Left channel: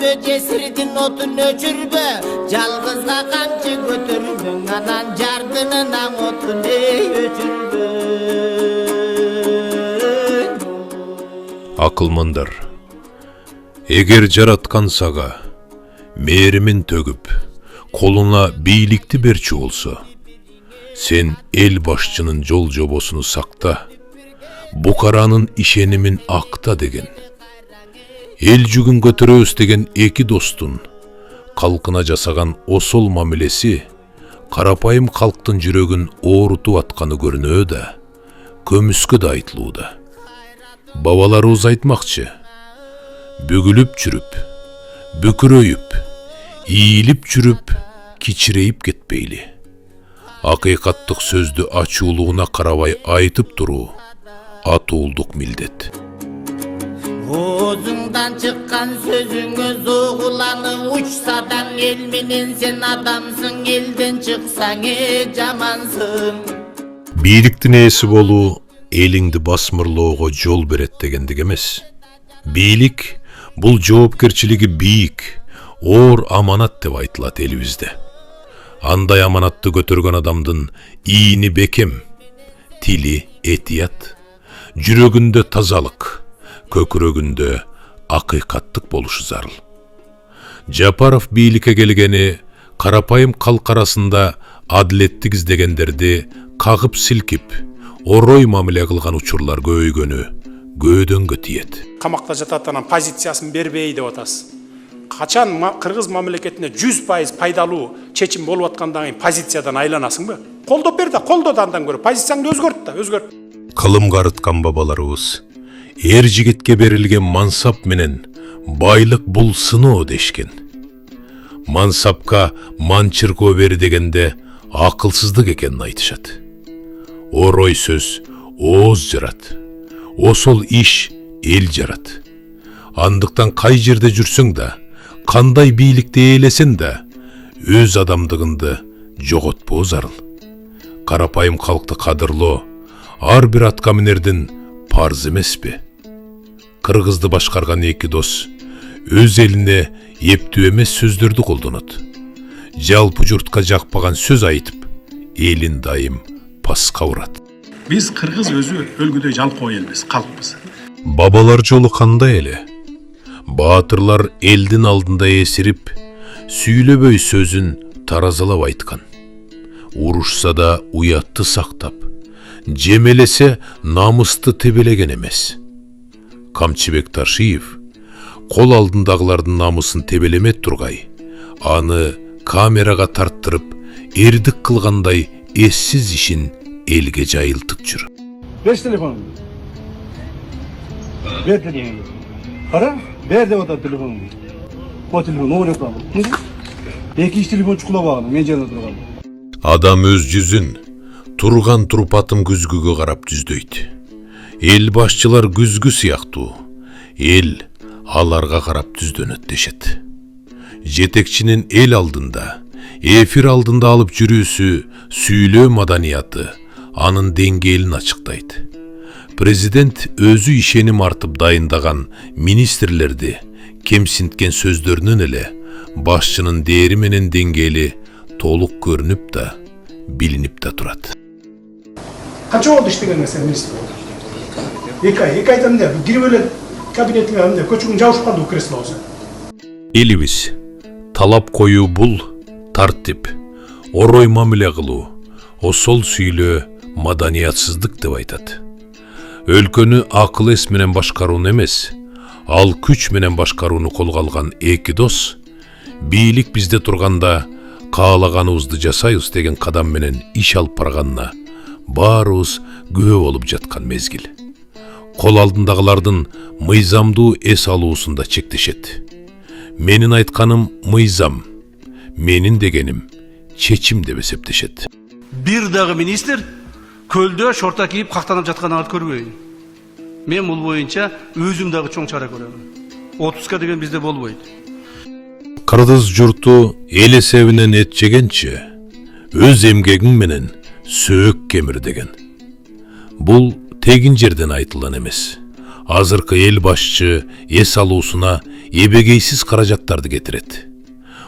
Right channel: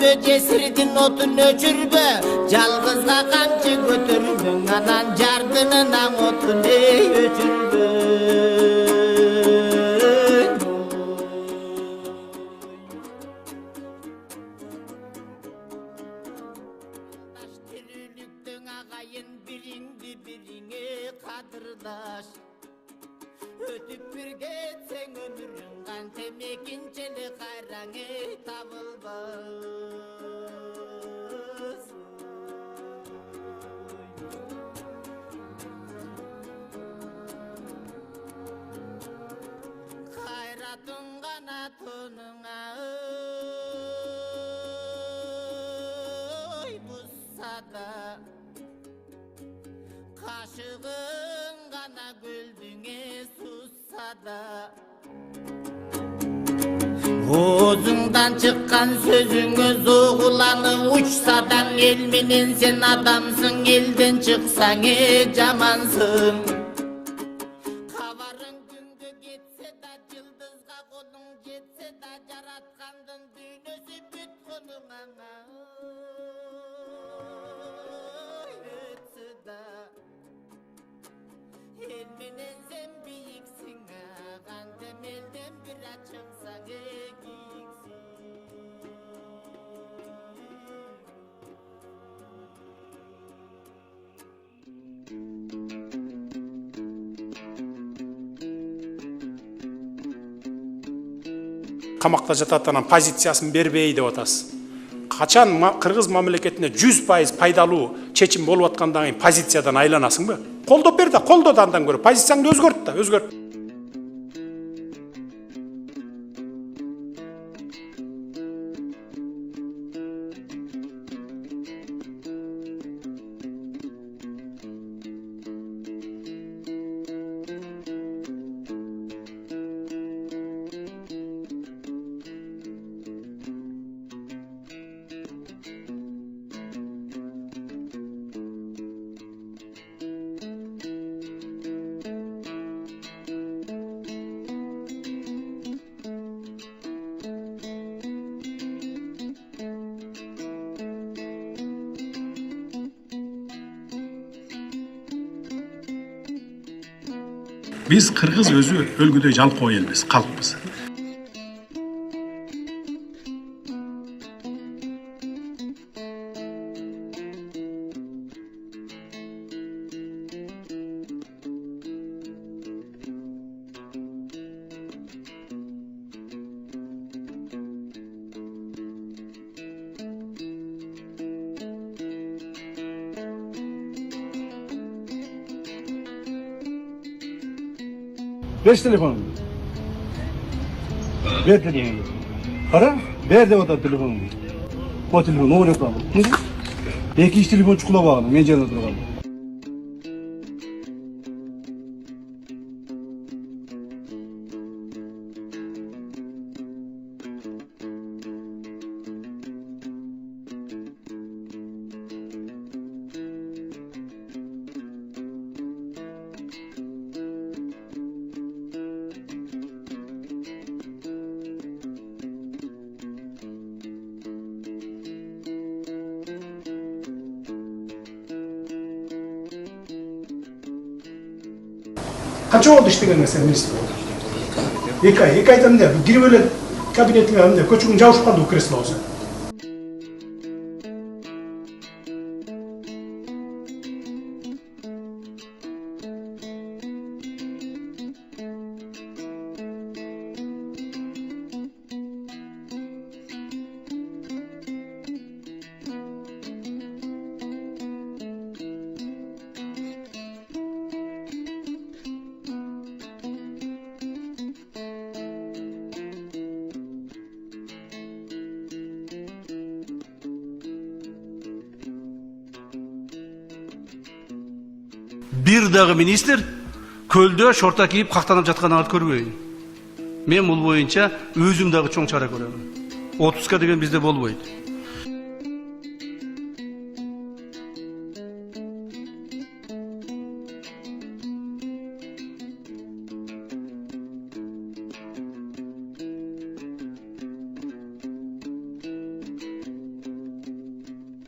Өчүрбө жесирдин отун өчүрбө, жалгызга камчы көтөрбөң, анан жардынынан отун өчүрбө. Акылмандар, эгер жараткан сага мээримин төгүп, колуна бийликти берчү болсо, сен эл башчынын жол жобосуну сакта, букаранын ишенимин акта деген. Эл жүгүн көтөрөбүз деген эки достун калкына жасаган осол мамилеси карапайым калктын жүрөгүн оорутуп атканы көрүнөбү да, көмүскө да айтылууда. Бабаларыбыз айтмакчы: бүгүлүп жүрүп, бүкүрөйүп, ийилип жүрүп, кичирейип кетпейли. Акыйкаттык сөздү ачуулугуна карабай айтып туруу атуулдук милдет. Оозуңдан чыккан сөзүңө зоогуланы учса да, эл менен сен адамсың, элден чыксаң жамансың. Бийликтин ээси болуу элиңди басмырлоого жол берет дегендик эмес. Бийлик бул жоопкерчилиги бийик, оор аманат деп айтылат элибизде. Андай аманатты көтөргөн адамдын ийини бекем, тили этият, жүрөгүндө тазалык, көкүрөгүндө акыйкаттык болушу зарыл. Жапаров бийликке келгени карапайым калк арасында адилеттик издегендерди кагып силкип, орой мамиле кылган учурлар көбөйгөнү көөдөнгө тиет. Камакта жатат, анан позициясын бербей деп атасыз. Качан кыргыз мамлекетине 100% пайдалуу чечим болуп аткандан кийин позициядан айланасыңбы? Колдоп бер да, колдо да, андан көрө позицияңды өзгөрт. Кылымга арыткан бабаларыбыз эр жигитке берилген мансап менен байлык бул сыноо дешкен. Мансапка манчыркоо бери дегенде акылсыздык экенин айтышат. Орой сөз ооз жарат, осол иш эл жарат. Андыктан кай жерде жүрсөң да, кандай бийликти ээлесең да, өз адамдыгыңды жоготпоо зарыл. Карапайым калкты кадырлоо ар бир аткаминердин парз эмеспи? Кыргызды башкарган эки дос өз элине эптүү эмес сөздөрдү колдонот. Жалпы журтка жакпаган сөз айтып, элин дайым паска урат. Биз кыргыз өзү өлгүдөй жалкоо элбиз, калкпыз. Бабалар жолу кандай эле? Баатырлар элдин алдында эсирип, сүйлөбөй сөзүн таразалап айткан. Урушса да уятты сактап, жемелесе намысты тебелеген эмес. Камчыбек Ташиев кол алдындагылардын намысын тебелеме тургай, аны камерага тарттырып, эрдик кылгандай эссиз ишин элге жайылтып жүр. Беш телефонумду. Бер телефонумду. Кара, бер деп атат телефонумду. О телефон ойнап калды. Эки телефон чукулабаган, мен жанында турган. Адам өз жүзүн турган турпатым күзгүгө карап түздөйт. Эл башчылар күзгү сыяктуу, эл аларга карап түздөнөт дешет. Жетекчинин эл алдында, эфир алдында алып жүрүүсү сүйлөө маданияты анын деңгээлин ачыктайт. Президент өзү ишеним артып дайындаган министрлерди кемсинткен сөздөрүнөн эле башчынын дээри менен деңгээли толук көрүнүп да, билинип да турат. Канча болду иштеген сен министр болду? Эки айдан да кирип эле кабинетиңе анда көчүгүң жабышып калды креслосу. Элибиз талап коюу бул тартип, орой мамиле кылуу, осол сүйлөө маданиятсыздык деп айтат. Өлкөнү акыл эс менен башкарууну эмес, ал күч менен башкарууну колго алган эки дос бийлик бизде турганда каалаганыбызды жасайбыз деген кадам менен иш алып барганына баарыбыз күбө болуп жаткан мезгил. Кол алдындагылардын мыйзамдуу эс алуусунда чектешет. Менин айтканым мыйзам, менин дегеним чечим деп эсептешет. Бир дагы министр көлдө шорта кийип кактанып жатканыңарды көрбөйм. Мен бул боюнча өзүм дагы чоң чара көрөм. 30ка деген бизде болбойт. Кыргыз журту эл эсебинен эт жегенче, өз эмгегиң менен сөөк кемир деген. Бул тегин жерден айтылган эмес. Азыркы эл башчы эс алуусуна эбегейсиз каражаттарды кетирет.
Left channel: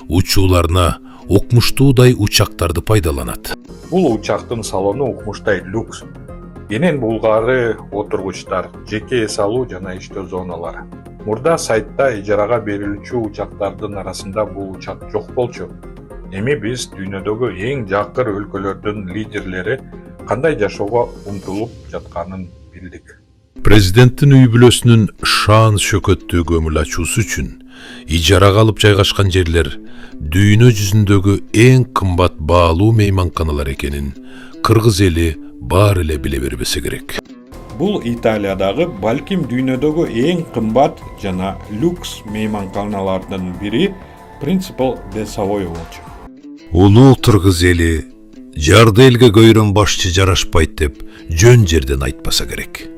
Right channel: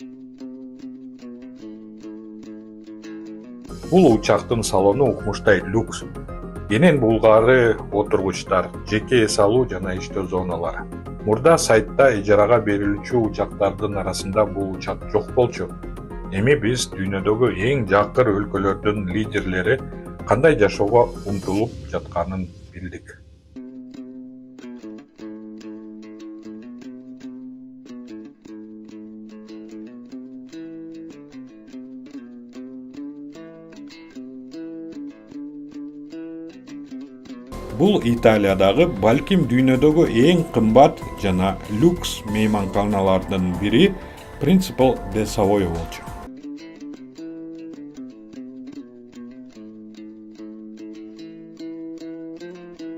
Учууларына укмуштуудай учактарды пайдаланат. Бул учактын салону укмуштай люкс. Энен булгары отургучтар, жеке эс алуу жана иштөө зоналары. Мурда сайтта ижарага берилүүчү учактардын арасында бул учак жок болчу. Эми биз дүйнөдөгү эң жакыр өлкөлөрдүн лидерлери кандай жашоого умтулуп жатканын билдик. Президенттин үй бүлөсүнүн шаан шөкөттүү көмүл ачуусу үчүн ижарага алып жайгашкан жерлер дүйнө жүзүндөгү эң кымбат баалуу мейманканалар экенин кыргыз эли баары эле биле бербесе керек. Бул Италиядагы балким дүйнөдөгү эң кымбат жана люкс мейманканалардын бири Principal de Savoy болчу. Улуу кыргыз эли жарды элге көйрөн башчы жарашпайт деп жөн жерден айтпаса керек.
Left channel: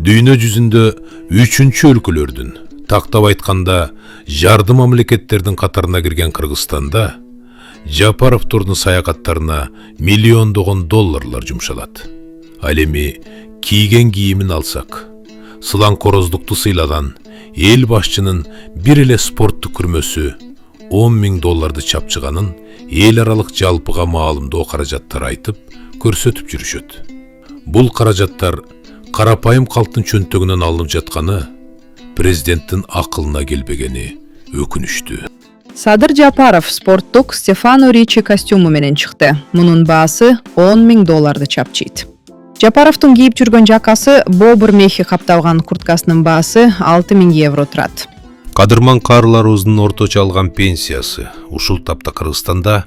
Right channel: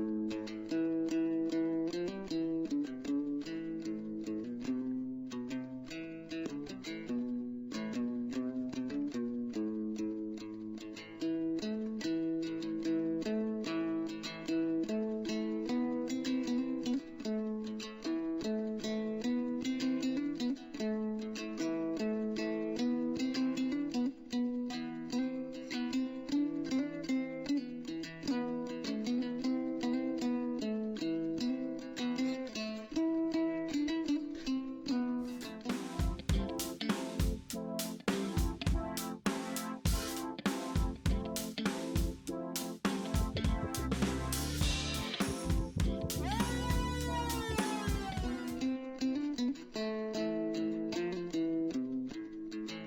Дүйнө жүзүндө 3-чү өлкөлөрдүн, тактап айтканда жарды мамлекеттердин катарына кирген Кыргызстанда Жапаровдордун саякаттарына миллиондогон долларлар жумшалат. Ал эми кийген кийимин алсак, сылаң короздукту сыйлаган эл башчынын бир эле спорттук күрмөсү 10 000 долларды чапчыганын эл аралык жалпыга маалымдоо каражаттар айтып көрсөтүп жүрүшөт. Бул каражаттар карапайым калктын чөнтөгүнөн алынып жатканы президенттин акылына келбегени өкүнүчтүү. Садыр Жапаров спорттук Стефано Ричи костюму менен чыкты. Мунун баасы 10 000 долларды чапчыйт. Жапаровдун кийип жүргөн жакасы бобр мехи капталган курткасынын баасы 6 000 евро турат. Кадырман каарыларыбыздын орточо алган пенсиясы ушул тапта Кыргызстанда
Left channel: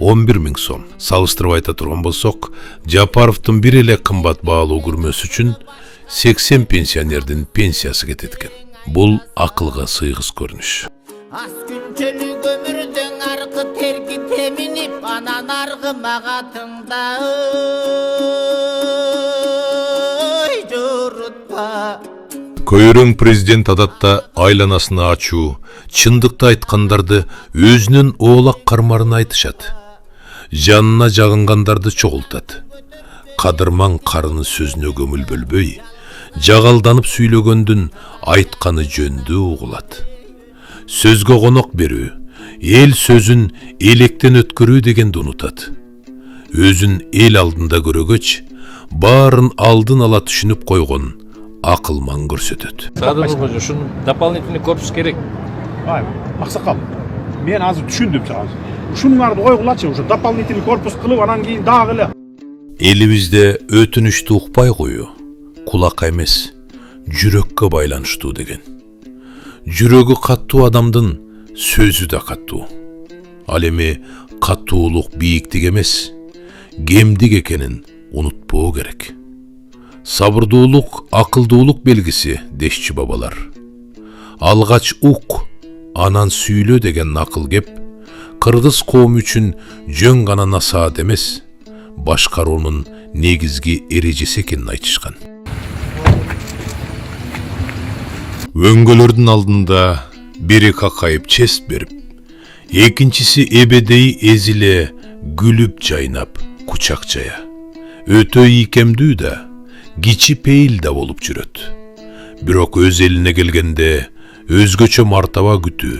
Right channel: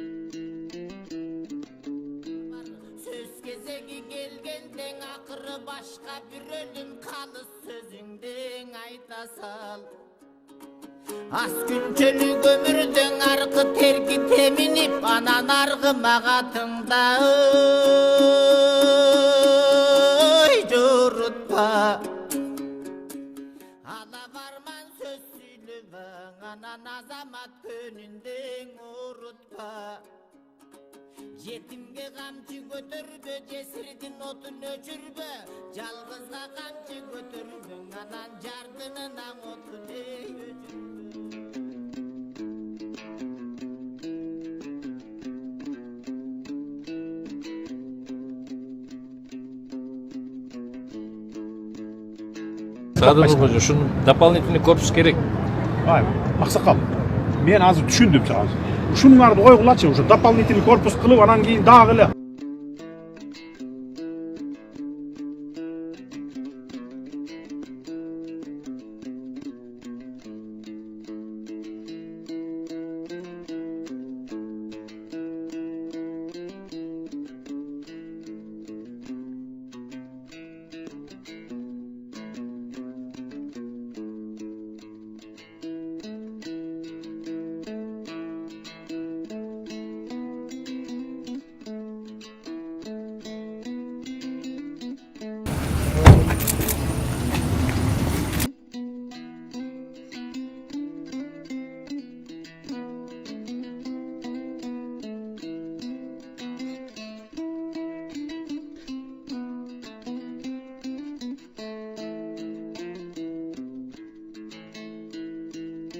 11 000 сом. Салыштырып айта турган болсок, Жапаровдун бир эле кымбат баалуу күрмөсү үчүн 80 пенсионердин пенсиясы кетет экен. Бул акылга сыйгыс көрүнүш. Аз күнчөлүк өмүрдүн аркы терки теминип, анан аркы магатыңда жорутпа. Көйрөң президент адатта айланасына ачуу, чындыкты айткандарды өзүнүн оолак кармарына айтышат. Жанына жагынгандарды чогултат. Кадырман карыны сөзүнө көңүл бөлбөй, жагалданып сүйлөгөндүн айтканы жөндүү угулат. Сөзгө конок берүү, эл сөзүн электен өткөрүү дегенди унутат. Өзүн эл алдында көрөгөч, баарын алдын ала түшүнүп койгон акылман көрсөтөт. Садыр Кожо, ушун дополнительный корпус керек. Аксакал, мен азыр түшүндүм сага. Ушунун арды койгулачы, ушу дополнительный корпус кылып, анан кийин дагы эле. Элибизде өтүнүштү укпай коюу, кулакка эмес, жүрөккө байланыштуу деген. Жүрөгү каттуу адамдын сөзү да каттуу. Ал эми каттуулук бийиктик эмес, кемдик экенин унутпоо керек. Сабырдуулук акылдуулук белгиси дешчү бабалар. Алгач ук, анан сүйлө деген акыл кеп, кыргыз коому үчүн жөн гана насаат эмес, башкаруунун негизги эрежеси экенин айтышкан. Өңгөлөрдүн алдында бири какайып чест берип, экинчиси эбедей эзиле күлүп жайнап кучак жая. Өтө ийкемдүү да, кичи пейил да болуп жүрөт. Бирок өз элине келгенде өзгөчө мартаба күтүү,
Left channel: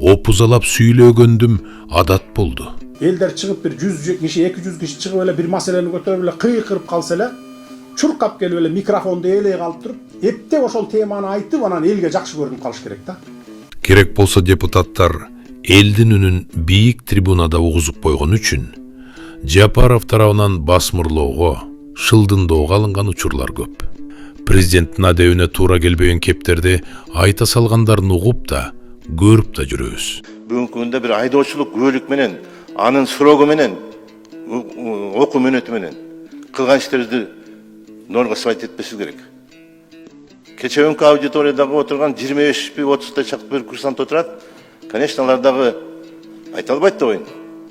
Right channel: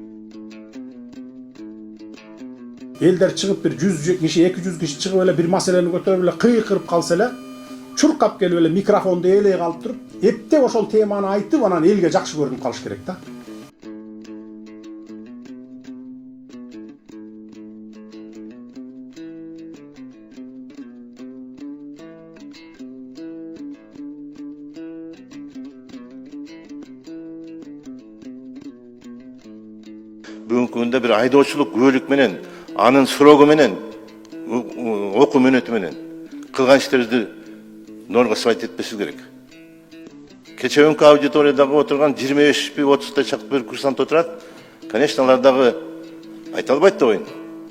опузалап сүйлөгөндүм адат болду. Элдер чыгып бир 100 киши, 200 киши чыгып эле бир маселени көтөрүп эле кыйкырып калса эле, чуркап келип эле микрофонду элей калып туруп, эптеп ошол теманы айтып, анан элге жакшы көрүнүп калыш керек да. Керек болсо депутаттар элдин үнүн бийик трибунада угузуп койгон үчүн Жапаров тарабынан басмырлоого, шылдындоого алынган учурлар көп. Президенттин адебине туура келбеген кептерди айта салгандарын угуп да, көрүп да жүрөбүз. Бүгүнкү күндө бир айдоочулук күбөлүк менен, анын сурогу менен, окуу мөөнөтү менен кылган иштерибизди норга свайт этпешибиз керек. Кечеөнкү аудиториядагы отурган 25-30 чакты бир курсант отурат. Конечно, алар дагы айта албайт да оюн.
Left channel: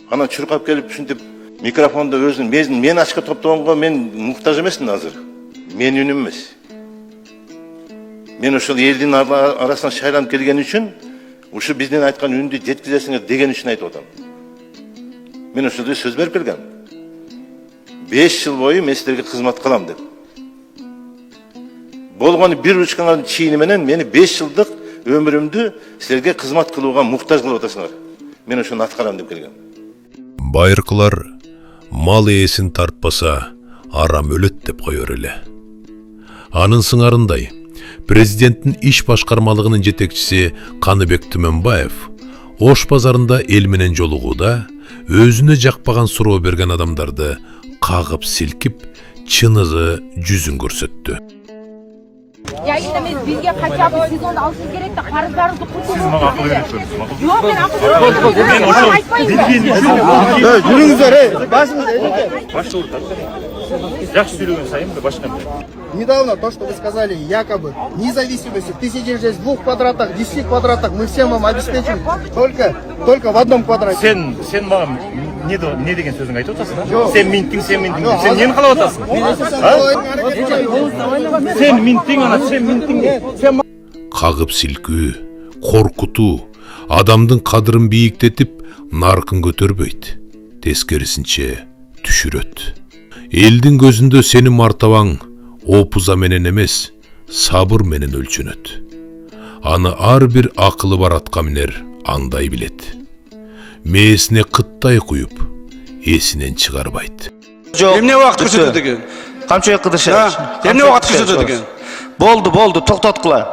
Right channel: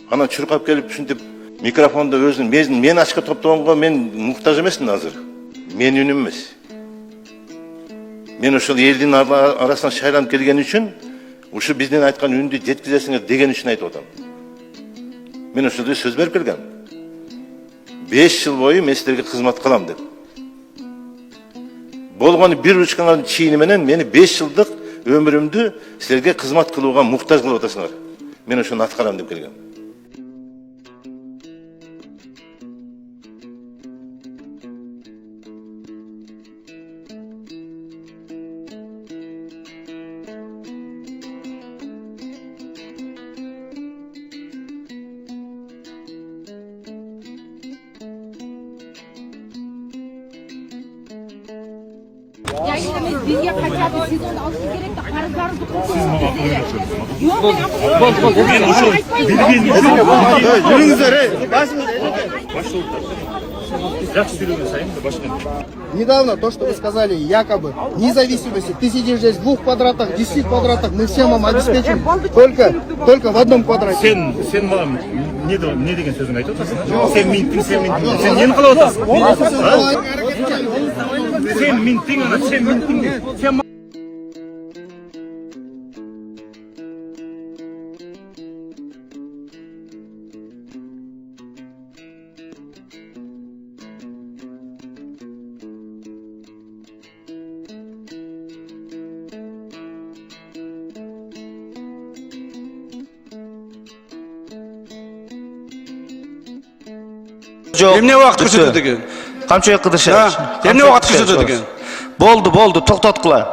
Анан чуркап келип ушинтип микрофонду өзүн мен ачка топтогонго мен муктаж эмесмин азыр. Мен үнүм эмес. Мен ошол элдин арасынан шайланып келген үчүн, ушу биздин айткан үндү жеткизесиңер деген үчүн айтып атам. Мен ошол сөз берип келгем. 5 жыл бою мен силерге кызмат кылам деп. болгону бир учкан чийини менен мени 5 жылдык өмүрүмдү силерге кызмат кылууга муктаж кылып атасыңар. Мен ошону аткарам деп келгем. Байыркылар мал ээсин тартпаса арам өлөт деп коёр эле. Анын сыңарындай президенттин иш башкармалыгынын жетекчиси Каныбек Түмөнбаев Ош базарында эл менен жолугууда өзүнө жакпаган суроо берген адамдарды кагып силкип, чыныгы жүзүн көрсөттү. Ya işte bizge хотя бы сезонda alışveriş gerek de karızlarınızı kurtulun. Siz bana akıl veriyorsunuz. Yok ben akıl veriyorum. Недавно то, что вы сказали, якобы независимости, ты сидишь здесь в 2 квадратах, 10 квадратах, мы всем вам обеспечим только в одном квадрате. Sen mağam ne degen sözün aytып атасың? Sen minting. Sen nemi кылып атасың? Sen minting ана, sen minting. Кагып силкүү, коркутуу адамдын кадырын бийиктетип, наркын көтөрбөйт. Тескерисинче түшүрөт. Элдин көзүндө сенин мартабаң опуза менен эмес, сабыр менен өлчөнөт. Аны ар бир акылы бар аткаминер андай билет. Мээсине кыттай куюп, эсинен чыгарбайт. Эмне убакыт көрсөтөт экен? Камчы кыдышат. Эмне убакыт көрсөтөт экен? Болду, токтоткула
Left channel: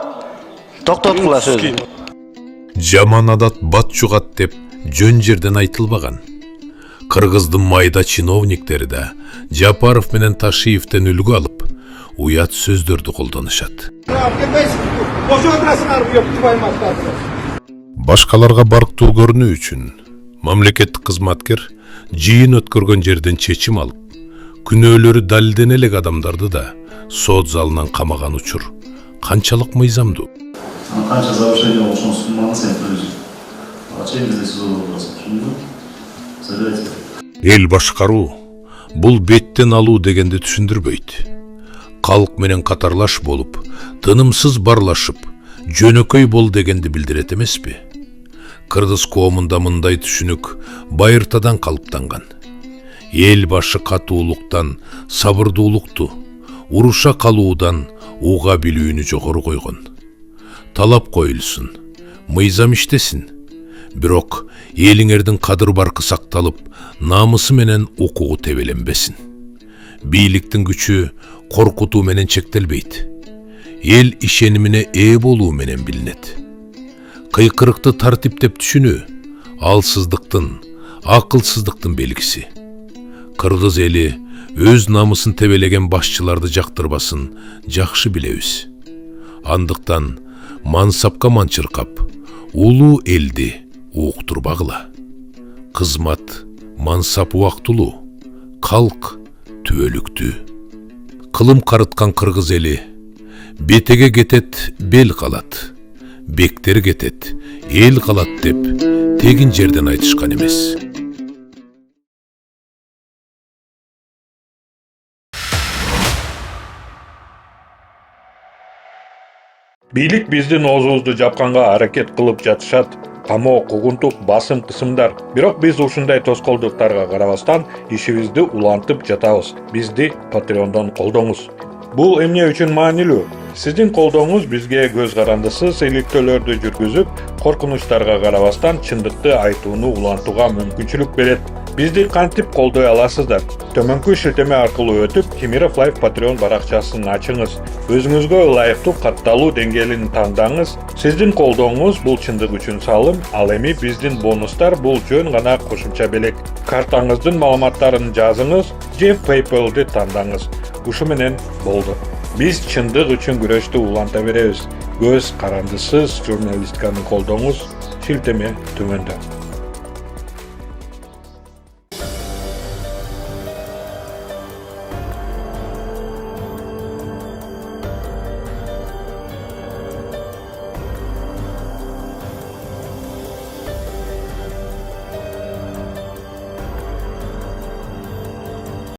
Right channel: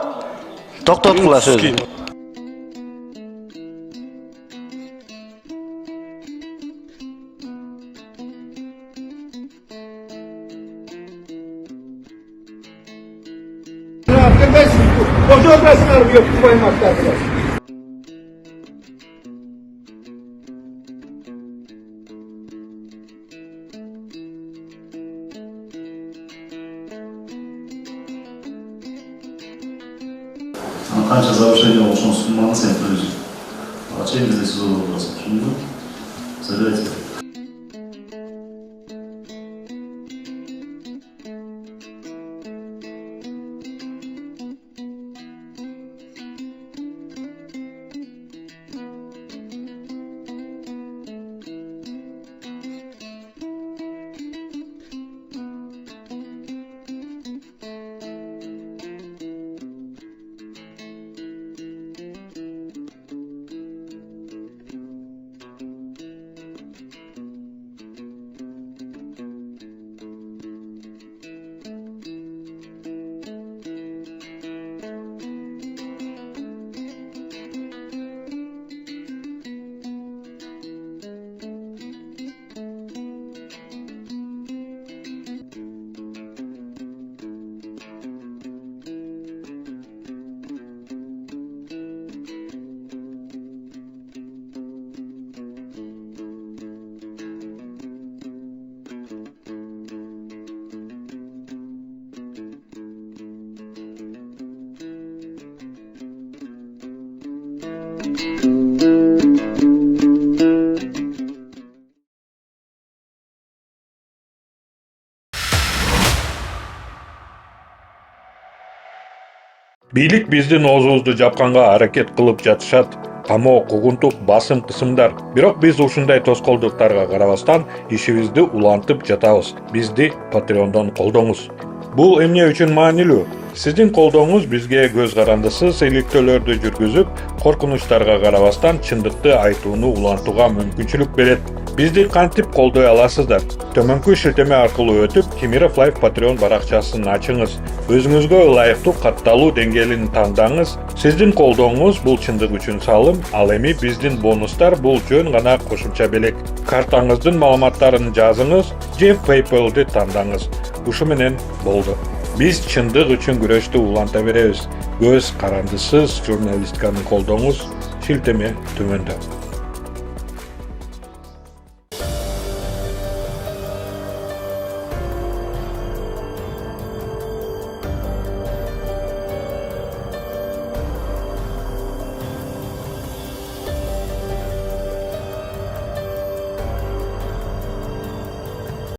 сөзү. Жаман адат бат жугат деп жөн жерден айтылбаган. Кыргыздын майда чиновниктери да Жапаров менен Ташиевден үлгү алып, уят сөздөрдү колдонушат. Башкаларга барктуу көрүнүү үчүн мамлекеттик кызматкер жыйын өткөргөн жерден чечим алып, күнөөлөрү далилдене элек адамдарды да сот залынан камаган учур канчалык мыйзамдуу. Канча завышение болушун сумманы сен өзүң. Ача бизде сиз болосуң. Забирайте. Эл башкаруу бул беттен алуу дегенди түшүндүрбөйт. Калк менен катарлаш болуп, тынымсыз барлашып, жөнөкөй бол дегенди билдирет эмеспи? Кыргыз коомунда мындай түшүнүк байыртадан калыптанган. Эл башы катуулуктан сабырдуулукту, уруша калуудан уга билүүнү жогору койгон. Талап коюлсун, мыйзам иштесин. Бирок элиңердин кадыр баркы сакталып, намысы менен укугу тебеленбесин. Бийликтин күчү коркутуу менен чектелбейт. Эл ишенимине ээ болуу менен билинет. Кыйкырыкты тартиптеп түшүнүү алсыздыктын, акылсыздыктын белгиси. Кыргыз эли өз намысын тебелеген башчыларды жактырбасын жакшы билебиз. Андыктан мансапка манчыркап, улуу элди уктурбагыла. Кызмат мансап убактылуу, калк түбөлүктүү. Кылым карыткан кыргыз эли бетеге кетет, бел калат. Бектер кетет, эл калат деп тегин жерден айтышкан эмес. Бийлик биздин оозубузду жапканга аракет кылып жатышат. Камоо, кугунтук, басым, кысымдар. Бирок биз ушундай тоскоолдуктарга карабастан ишибизди улантып жатабыз. Бизди Patreon'dan колдоңуз. Бул эмне үчүн маанилүү? Сиздин колдооңуз бизге көз карандысыз иликтөөлөрдү жүргүзүп, коркунучтарга карабастан чындыкты айтууну улантууга мүмкүнчүлүк берет. Бизди кантип колдой аласыздар? Төмөнкү шилтеме аркылуу өтүп, Кемиров Life Patreon баракчасын ачыңыз. Өзүңүзгө ылайыктуу катталуу деңгээлин тандаңыз. Сиздин колдооңуз бул чындык үчүн салым, ал эми биздин бонустар бул жөн гана кошумча белек. Картаңыздын маалыматтарын жазыңыз же PayPal'ды тандаңыз. Ушу менен болду. Биз чындык үчүн күрөштү уланта беребиз. Көз карандысыз журналистканы колдооңуз, шилтеме төмөндө.